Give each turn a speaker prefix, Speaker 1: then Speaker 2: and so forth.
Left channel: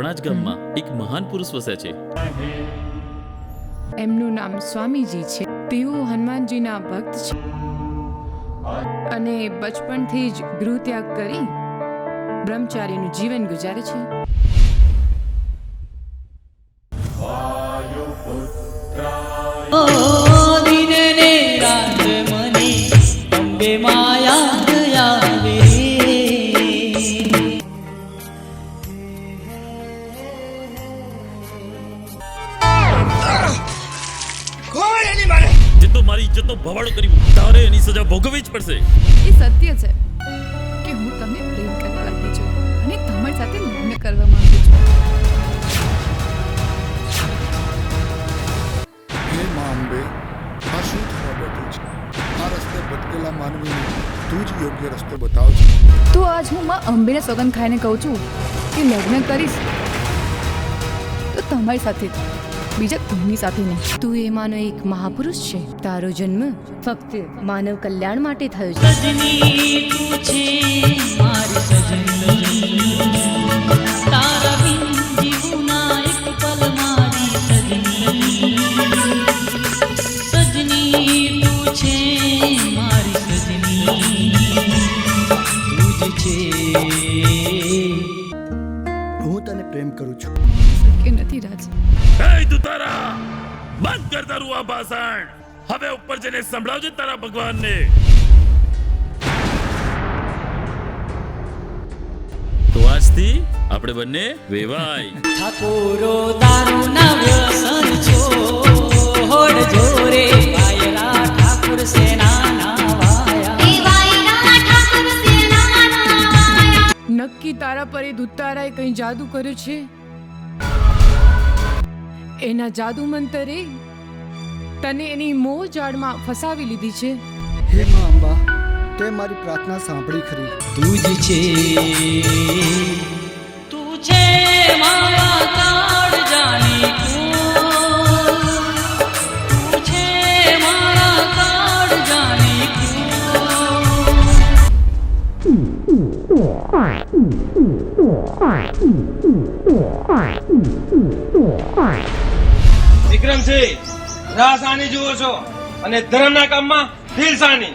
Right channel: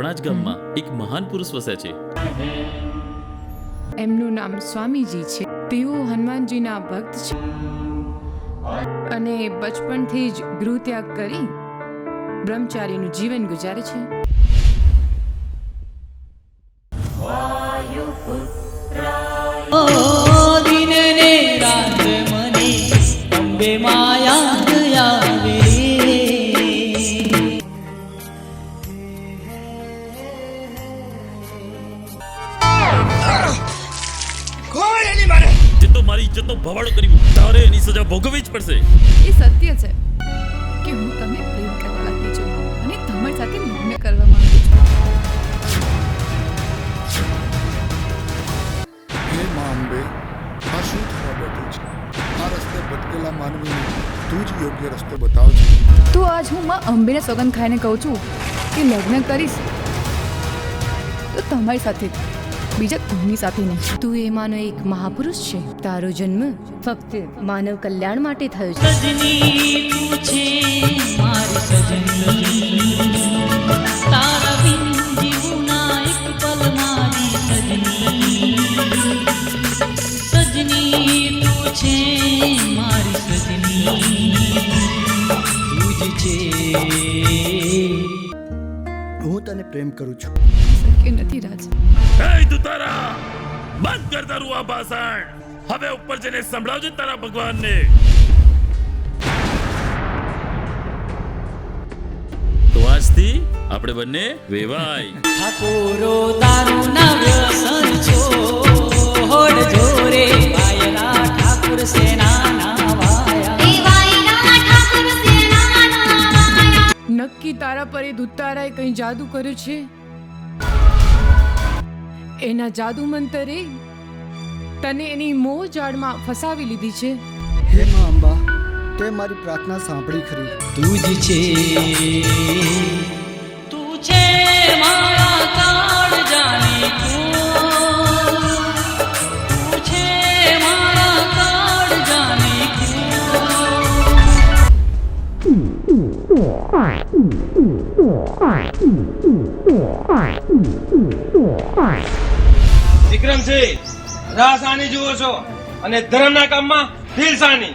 Speaker 1: આપણા જ ગામમાં એક મહાન પુરુષ વસે છે.
Speaker 2: એમનું નામ સ્વામીજી છે. તેઓ હનુમાનજીના ભક્ત છે. અને બચપણથી જ ગૃહ ત્યાગ કરી બ્રહ્મચારીનું જીવન ગુજારે છે.
Speaker 3: દિને રાત મને અંબે માયા
Speaker 1: તો મારી ઇજ્જતનો ભવાડો કર્યું તારે એની સજા ભોગવવી જ પડશે.
Speaker 4: એ સત્ય છે કે હું તમને પ્રેમ કરવા લાગી છું અને તમારી સાથે લગ્ન કરવા માંગુ છું.
Speaker 5: હે માંબે આ શું થવા બેઠું છે? આ રસ્તે ભટકેલા માનવીને તું જ યોગ્ય રસ્તો બતાવજે
Speaker 4: તો આજ હું માં અંબેને સોગંદ ખાઈને કહું છું કે લગ્ન કરીશ તો તમારી સાથે જ, બીજા કોઈની સાથે નહીં.
Speaker 6: તું એમાંનો એક મહાપુરુષ છે. તારો જન્મ ફક્ત માનવ કલ્યાણ માટે થયો છે.
Speaker 3: સજની તું છે મારી સજની તારા બિન જીવના એક પલ મારી સજની સજની તું છે મારી સજની તું જ છે.
Speaker 5: હું તને પ્રેમ કરું છું.
Speaker 4: શક્ય નથી રાજ.
Speaker 1: બંધ કર તારું આ ભાષણ. હવે ઉપર જઈને સંભળાવજે તારા ભગવાનને. તો આજથી આપણે બંને વેવાય
Speaker 3: ઠાકોરો તારું ના વ્યસન છોડ જોરે વાયરા ઠાકુર સેના ના વાયા.
Speaker 2: નક્કી તારા પર એ ધુતારાએ કંઈ જાદુ કર્યું છે? એના જાદુ મંતરે તને એની મોહ જાળમાં ફસાવી લીધી છે.
Speaker 7: હે મા અંબા તે મારી પ્રાર્થના સાંભળી ખરી.
Speaker 3: તું જ છે
Speaker 8: વિક્રમસિંહ રાસાની જુઓ છો અને ધર્મના કામમાં દિલ સાની